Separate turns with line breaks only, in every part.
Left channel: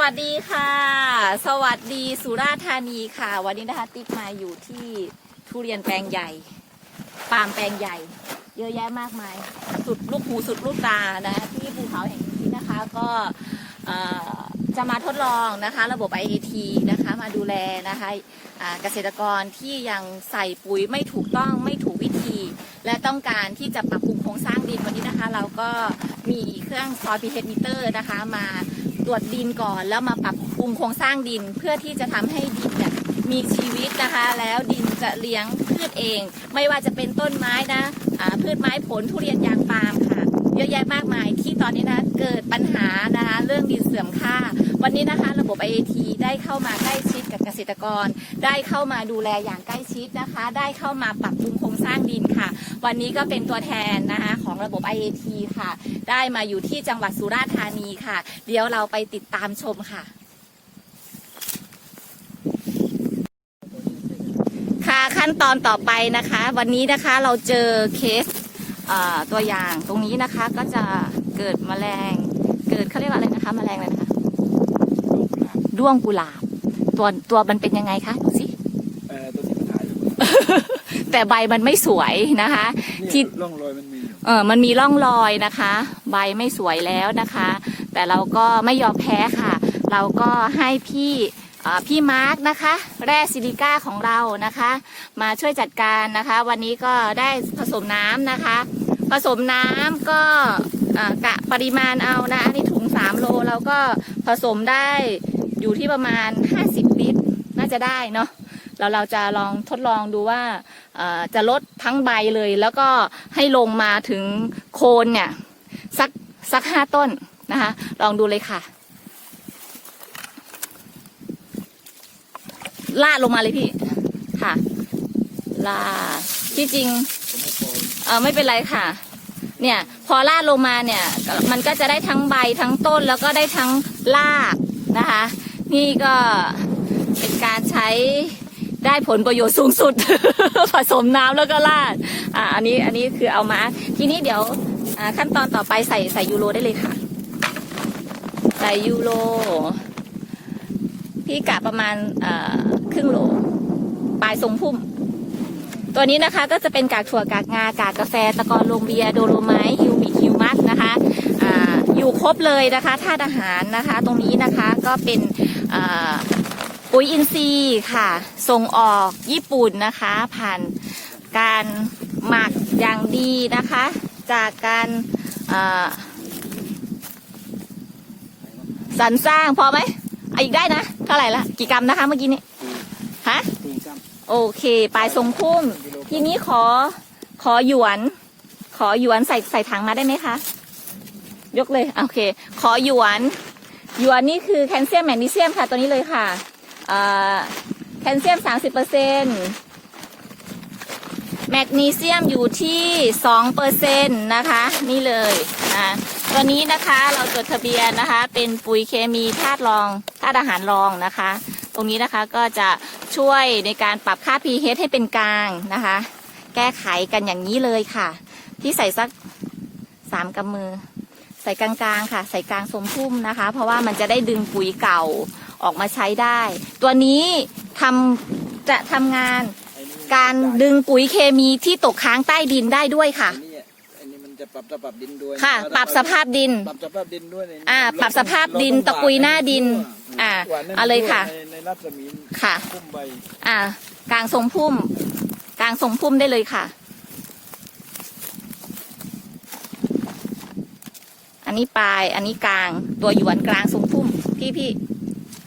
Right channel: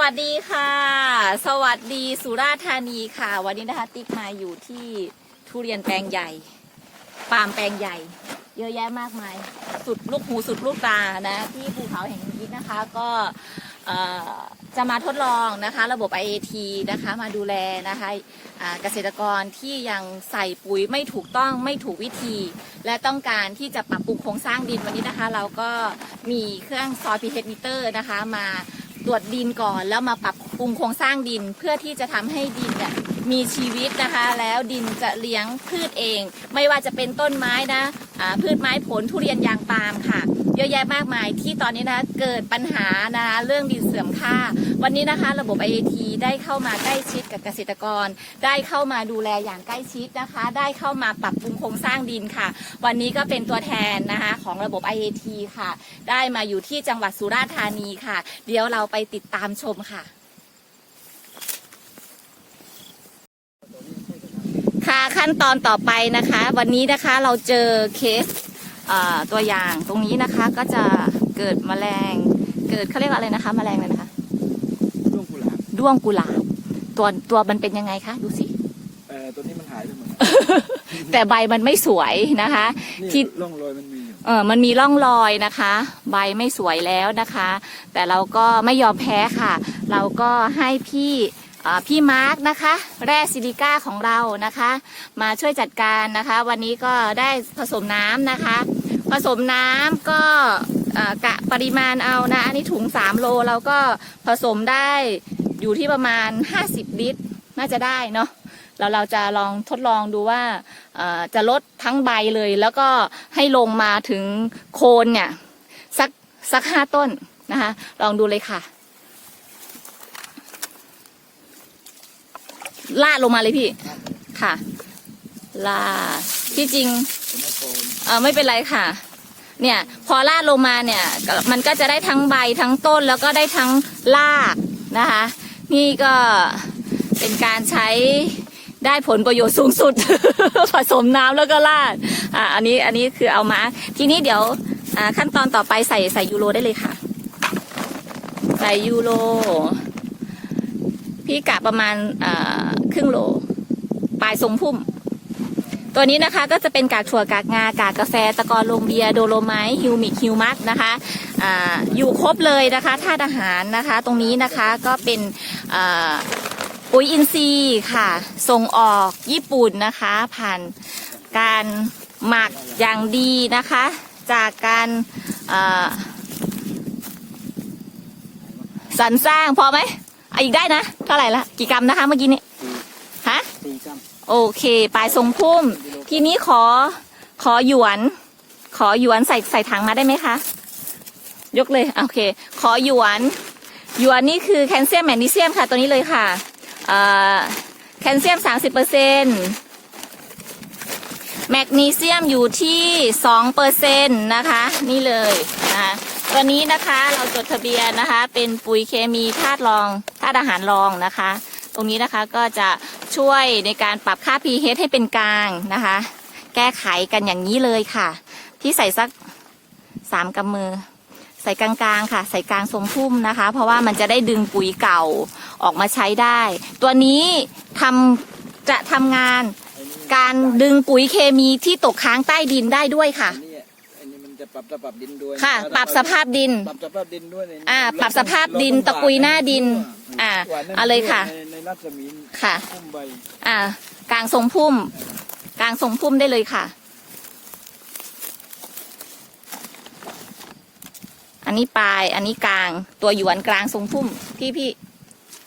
วัสดีค่ะ สวัสดีสุราษฎร์ธานีค่ะ วันนี้นะคะติ๊กมาอยู่ที่ทุเรียนแปลงใหญ่ปาล์มแปลงใหญ่ เยอะแยะมากมาย สุดลูกหูสุดลูกตานะที่ภูเขาแห่งนี้นะคะก็จะมาทดลองนะคะ ระบบ IAT นะคะ มาดูแลนะคะอ่าเกษตรกรที่ยังใส่ปุ๋ยไม่ถูกต้องไม่ถูกวิธี และต้องการที่จะปรับปรุงโครงสร้างดินวันนี้นะคะ เราก็มีเครื่องซอยพีเฮดมิเตอร์นะคะ มา ตรวจดินก่อน แล้วมาปรับปรุงโครงสร้างดินเพื่อที่จะทำให้ดินเนี่ยมีชีวิตนะคะ แล้วดินจะเลี้ยงพืชเอง ไม่ว่าจะเป็นต้นไม้นะะพืชไม้ผลทุเรียนยางปาล์มค่ะ เยอะแยะมากมายที่ตอนนี้นะเกิดปัญหานะคะเรื่องดินเสื่อมค่า วันนี้นะคะ ระบบ IAT ได้เข้ามาใกล้ชิดกับเกษตรกร ได้เข้ามาดูแลอย่างใกล้ชิดนะคะ ได้เข้ามาปรับปรุงโครงสร้างดินค่ะ วันนี้ก็เป็นตัวแทนนะคะของระบบ IAT ค่ะ ได้มาอยู่ที่จังหวัดสุราษฎร์ธานีค่ะ เดี๋ยวเราไปติดตามชมค่ะค่ะขั้นตอนต่อไปนะคะ วันนี้นะคะเราเจอเคส ตัวอย่างตรงนี้นะคะก็จะเกิดแมลง เกิดเขาเรียกว่าอะไรนะคะแมลงอะไรนะคะ
ลูกหลาน
ด้วงกุหลาบตัวตัวมันเป็นยังไงคะดูสิ
เอ่อตัวที่มันหายอยู่
แต่ใบมันไม่สวยนะคะ
นี่
ที่
ร่องรอยมันมีอยู่
เออมันมีร่องรอยนะคะ ใบไม่สวยแล้วนะคะ แต่เราก็ไม่ยอมแพ้ค่ะ เราก็ให้พี่เอ่อพี่มาร์กนะคะ แร่ซิลิก้าของเรานะคะ มาช่วยจัดการนะคะ วันนี้ก็ได้ผสมน้ำนะคะ ผสมน้ำก็กะปริมาณเอานะ อันนี้ถุง 3 โลเราก็ผสมได้อยู่ที่ประมาณ 50 ลิตร น่าจะได้เนาะแล้วเราจะลองทดลองดูว่าจะลดทั้งใบเลย แล้วก็ให้ลงมาถึงโคนเนี่ย สักสักห้าต้นนะคะ ลองดูเลยค่ะลาดลงมาเลยพี่ ค่ะลาที่จริง
เอ
อไม่เป็นไรค่ะ เนี่ยพอลาดลงมาเนี่ยมันก็จะได้ทั้งใบทั้งต้นแล้วก็ได้ทั้งรากนะคะ นี่ก็เป็นการใช้ได้ผลประโยชน์สูงสุด ผสมน้ำแล้วก็ลาดอ่าอันนี้อันนี้คือเอามา ทีนี้เดี๋ยวอ่าขั้นตอนต่อไปใส่ใส่ยูโรได้เลยค่ะ ใส่ยูโรพี่กะประมาณอ่าครึ่งโลปลายทรงพุ่ม ตัวนี้นะคะก็จะเป็นกากถั่วกากงากากกาแฟตะกอนโลงเบียโดโลไมฮิวมิกฮิวมัสนะคะออยู่ครบเลยนะคะธาตุอาหารนะคะ ตรงนี้นะคะก็เป็นปุ๋ยอินทรีย์ค่ะ ส่งออกญี่ปุ่นนะคะ ผ่านการหมักอย่างดีนะคะ จากการสรรสร้างพอไหมอีกได้นะเท่าไหร่ละกี่กรัมนะคะเมื่อกี้นี้ฮะ
ปืนก
โอเคปลายทรงพุ่ม ทีนี้ขอขอหยวน ขอหยวนใส่ใส่ถังมาได้ไหมคะ ยกเลยโอเค ขอหยวน หยวนนี่คือแคลเซียมแมกนีเซียมค่ะตัวนี้เลยค่ะแคลเซียมสามสิบเปอร์เซ็นแมกนีเซียมอยู่ที่สองเปอร์เซ็นนะคะ นี่เลยนะตัวนี้นะคะเราจดทะเบียนนะคะ เป็นปุ๋ยเคมีธาตุรองธาตุอาหารรองนะคะ ตรงนี้นะคะก็จะช่วยในการปรับค่า pH ให้เป็นกลางนะคะ แก้ไขกันอย่างนี้เลยค่ะ ที่ใส่สักสามกำมือ ใส่กลางๆค่ะ ใส่กลางทรงพุ่มนะคะ เพราะว่ามันจะได้ดึงปุ๋ยเก่าออกมาใช้ได้ ตัวนี้ทำจะทำงานำการดึงปุ๋ยเคมีที่ตกค้างใต้ดินได้ด้วยค่ะ
อันนี้อันนี้มันจะปรับระปรับดินด้วย
ค่ะ ปรับสภาพดิน
ปรับสภาพดินด้วยเนี่ย
อ่า ปรับสภาพดินตะกุยหน้าดิน อ่าเอาเลยค่ะ
ในใน รัศมี
ค่ะ
พุ่มใบ
อ่ากลางทรงพุ่ม กลางทรงพุ่มได้เลยค่ะ อันนี้ปลาย อันนี้กลาง ตัวหยวนกลางทรงพุ่ม พี่พี่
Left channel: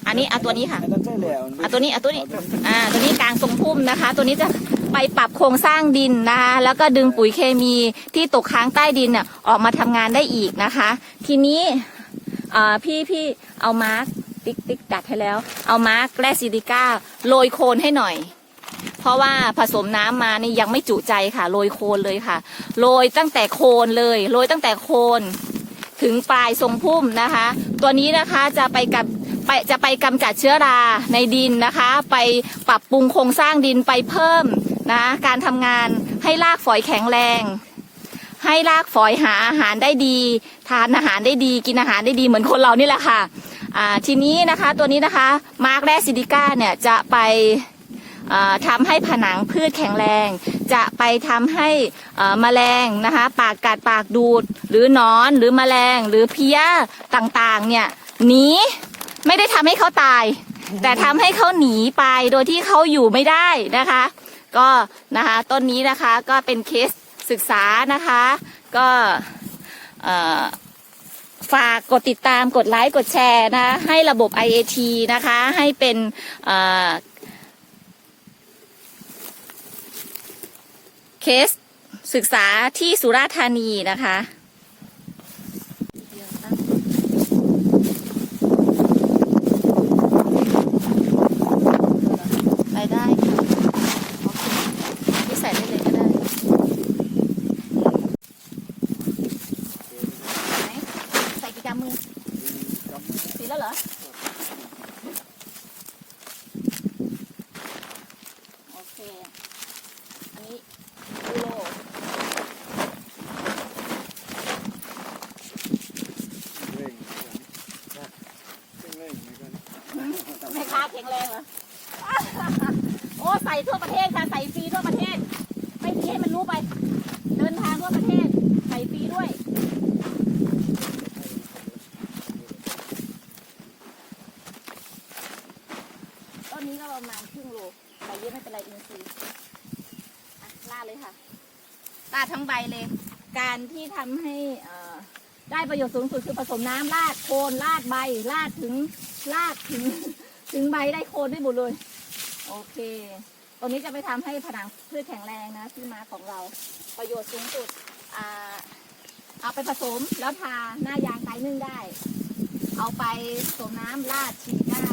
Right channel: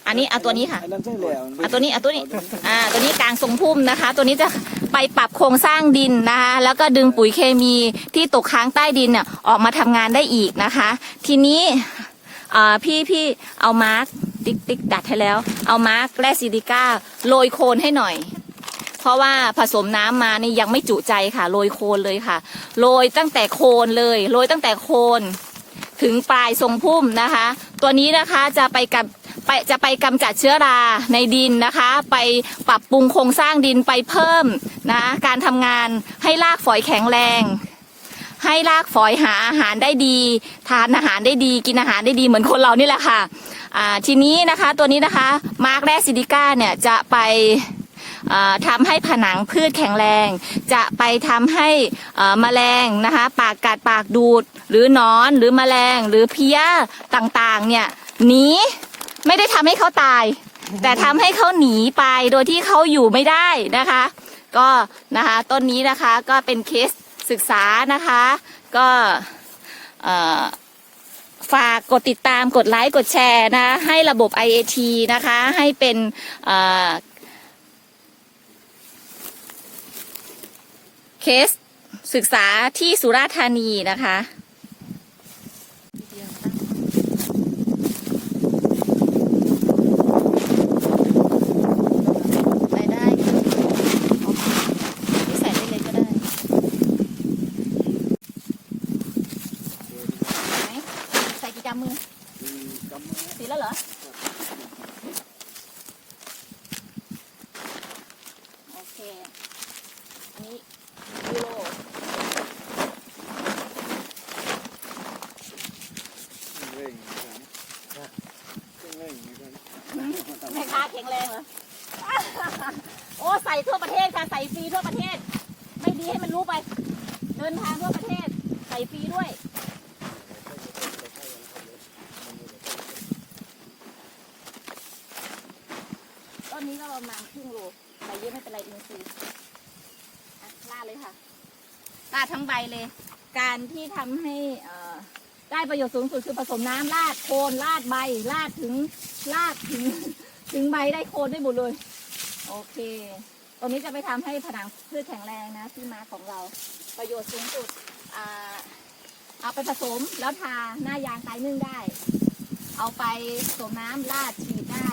อันนี้เอาตัวนี้ค่ะ
อันนั้นใช่แล้ว
อะตัวนี้อะตัวนี้ อ่า ตัวนี้กลางทรงพุ่มนะคะ ตัวนี้จะไปปรับโครงสร้างดินนะคะ แล้วก็ดึงปุ๋ยเคมีที่ตกค้างใต้ดินเนี่ยออกมาทำงานได้อีกนะคะ ทีนี้อ่าพี่พี่เอามาร์ก ติ๊กติ๊กดัดให้แล้ว เอามาร์กแร่ซิลิก้าโรยโคนให้หน่อย เพราะว่าผสมน้ำมานี่ยังไม่จุใจค่ะโรยโคนเลยค่ะโรยตั้งแต่โคนเลยโรยตั้งแต่โคน ถึงปลายทรงพุ่มนะคะ ตัวนี้นะคะจะไปกับไปจะไปกำจัดเชื้อราในดินนะคะ ไปปรับปรุงโครงสร้างดินไปเพิ่มนะการทำงานให้รากฝอยแข็งแรง ให้รากฝอยหาอาหารได้ดี ทานอาหารได้ดี กินอาหารได้ดีเหมือนคนเรานี่แหละค่ะ อ่าทีนี้นะคะตัวนี้นะคะมาร์กแรซิดิก้าเนี่ยจะไปอ่าทำให้ผนังพืชแข็งแรง จะไปทำให้อ่าแมลงนะคะ ปากกัดปากดูด หรือนอนหรือแมลงหรือเพี้ยต่างๆเนี่ยหนีไม่ได้ทำให้เขาตาย แต่ทำให้เขาหนีไปโดยที่เขาอยู่ไม่ได้นะคะ ก็นะคะต้นนี้นะคะก็เป็นเคสศึกษานะคะ ก็ ฝากกดติดตามกดไลค์กดแชร์นะ ให้ระบบ IAT นะคะ ให้เป็นเอ่อเคสศึกษาที่สุราษฎร์ธานีนะคะ ไปได้ค่ะ โอเคนี่ใส่ได้เลยก็ได้ไหนใส่กี่กำมือ
มีกำมือ
สีแล้วเหรอ โอเค อันนี้ยูโร
เร่งเหมือนกันเร่งเหมือนกัน
แม่ค้าแข็งแรงเหรอ โอ้ใส่ทั่วประเทศค่ะ ใส่ฟรีทั่วประเทศ ไม่ดีให้มันรู้ไป เดินทางทั่วประเทศ ใส่ฟรีด้วยต้นนี้ก็ประมาณครึ่งโลใบเยอะไม่เป็นไรอินทรีย์อะลาดเลยค่ะลาดทั้งใบเลย การที่ทำให้ได้ประโยชน์สูงสุดคือผสมน้ำลาดโคนลาดใบลาดถึงลาดถึงถึงใบได้โคนได้หมดเลย โอเค ตรงนี้จะไปทำให้ผนังพืชแข็งแรงนะที่มาของเรา ประโยชน์สูงสุดเอาไปผสมแล้วทาหน้ายางไตนึ่งได้ เอาไปสมน้ำลาดฉีดได้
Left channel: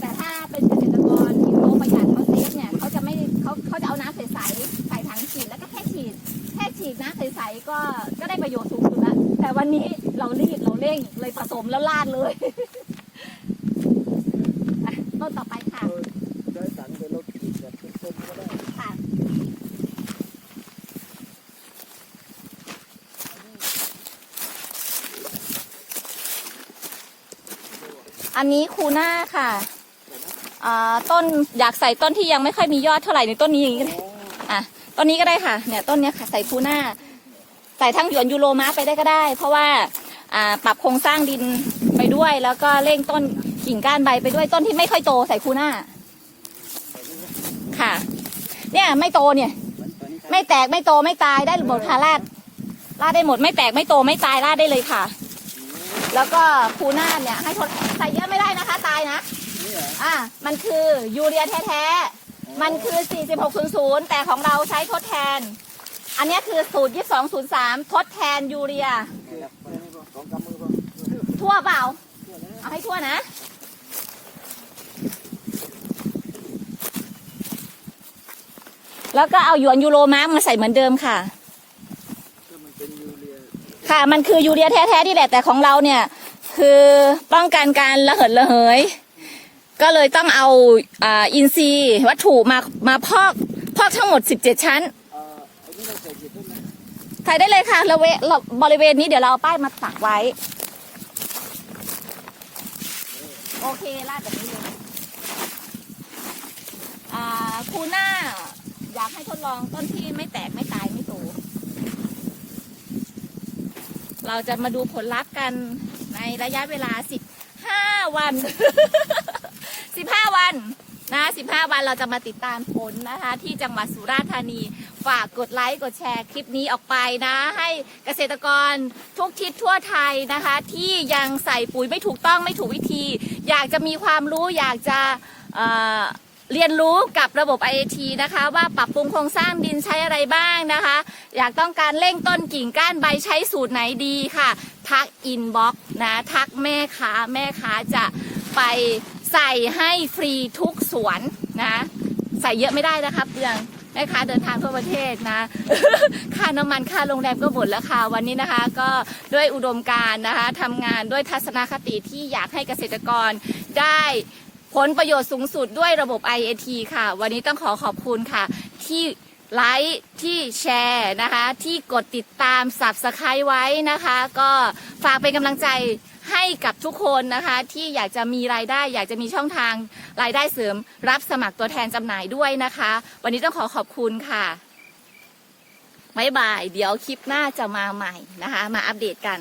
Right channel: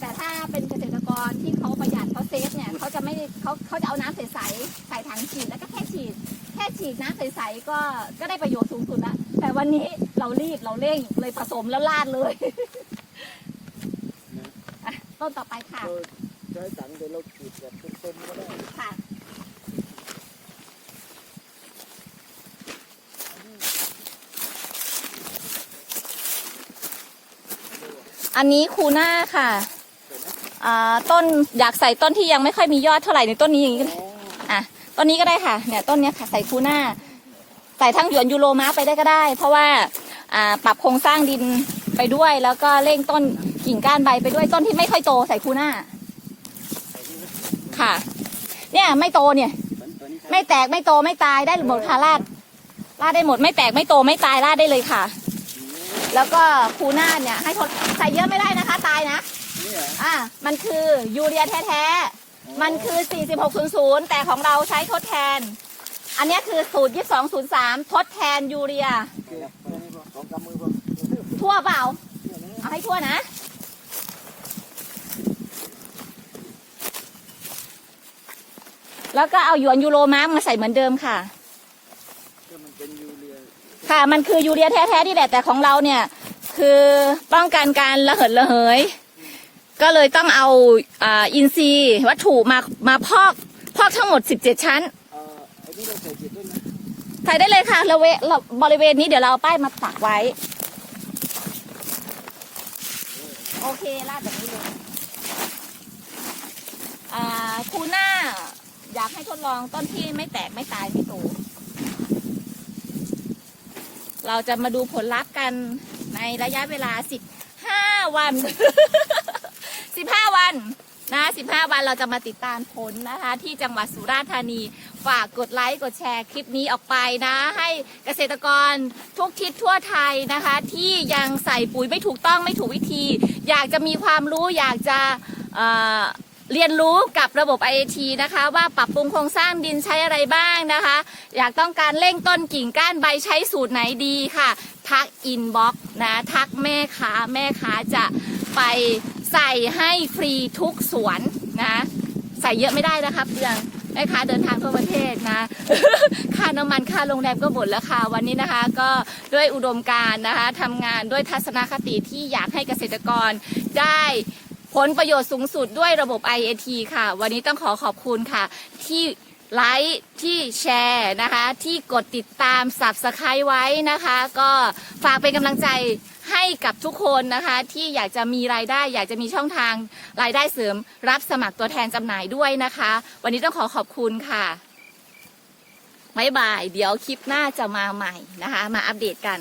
แต่ถ้าเป็นเกษตรกรที่เขาประหยัดเขาเซฟเนี่ยเขาจะไม่เขาเขาจะเอาน้ำใสๆใส่ถังฉีดแล้วก็แค่ฉีดแค่ฉีดน้ำใสๆก็ก็ได้ประโยชน์สูงสุดแล้วแต่วันนี้เรารีบเราเร่งเลยผสมแล้วลาดเลยต้นต่อไปค่ะ
ใช้ถังเป็นรถขีดแบบเต็มๆก็ได้
ค่ะอันนี้คูน่าค่ะอ่าต้นอยากใส่ต้นที่ยังไม่ค่อยมียอดเท่าไหร่ในต้นนี้อย่างนี้ก็ได้อะต้นนี้ก็ได้ค่ะเนี่ยต้นเนี้ยค่ะใส่คูน่าใส่ทั้งหยวนยูโรมาไปได้ก็ได้ เพราะว่าอ่าปรับโครงสร้างดินไปด้วย แล้วก็เร่งต้นกิ่งก้านใบไปด้วยต้นที่ไม่ค่อยโตใส่คูน่า ค่ะ เนี่ยไม่โตเนี่ย ไม่แตกไม่โตไม่ตายได้หมดค่ะลาดลาดได้หมดไม่แตกไม่โตไม่ตายลาดได้เลยค่ะ แล้วก็คูน่าเนี่ย ให้ทดใส่เยอะไม่ได้นะคะ ตายนะ
อ่า
มันคือยูเรียแท้ๆมันคือ 4600 แต่ของเราใช้ทดแทน อันนี้คือสูตร 2203 ทดแทนยูเรียทั่วเปล่าเอาให้ทั่วนะ แล้วก็เอาหยวนยูโรมาร์กมาใส่เหมือนเดิมค่ะ
ก็มันเป็นยูเรีย
ค่ะ มันคือยูเรียแท้ๆนี่แหละแต่ของเราเนี่ย คือป้องกันการระเหิดระเหย ก็เลยต้องเอาอินทรีย์วัตถุมามาพอกพอกทั้งหมด 17 ชั้น
เอ่อไอ้นี่เราใส่จิตด้วยนะ
ใส่ได้เลยค่ะระเวระบริเวณนี้เดี๋ยวเราเอาป้ายมาปักไว้ โอเคลาดแบบนี้เลยอ่าคูน่า อยากให้ทดลองต้นที่ไม่แตกไม่ตายไม่โตเราจะมาดูผลลัพธ์กันในระยะเวลา15วัน15วันนะ15วันเราจะมาติดตามผลนะคะ ที่จังหวัดสุราษฎร์ธานี ฝากกดไลค์กดแชร์คลิปนี้ออกไปนะ ให้เกษตรกรทุกทิศทั่วไทยนะคะ ที่ยังใส่ปุ๋ยไม่ถูกต้องไม่ถูกวิธี อยากจะมีความรู้อยากจะ เรียนรู้กับระบบ IAT นะคะ ว่าปรับปรุงโครงสร้างดินใช้อะไรบ้างนะคะ อยากต้องการเร่งต้นกิ่งก้านใบใช้สูตรไหนดีค่ะ ทักอินบ็อกนะ ทักแม่ค้าแม่ค้าจะไปใส่ให้ฟรีทุกสวนนะ ใส่เยอะไม่ได้นะคะเปลืองแม่ค้าเดินทางทั่วประเทศนะ ค่าน้ำมันค่าโรงแรมก็หมดแล้วค่ะ วันนี้นะคะก็ด้วยอุดมการนะคะทำงานด้วยทัศนคติที่อยากให้เกษตรกรได้ ผลประโยชน์สูงสุดด้วยระบบ IAT ค่ะ วันนี้ต้องขอขอบคุณค่ะ ที่ไลค์ที่แชร์นะคะ ที่กดติดตาม Subscribe ไว้นะคะ ก็ฝากเป็นกำลังใจให้กับทุกคนนะคะ ที่อยากจะมีรายได้ อยากจะมีช่องทางรายได้เสริม รับสมัครตัวแทนจำหน่ายด้วยนะคะ วันนี้ต้องขอขอบคุณค่ะบ๊ายบาย เดี๋ยวคลิปหน้าจะมาใหม่นะคะ มาอัปเดตกัน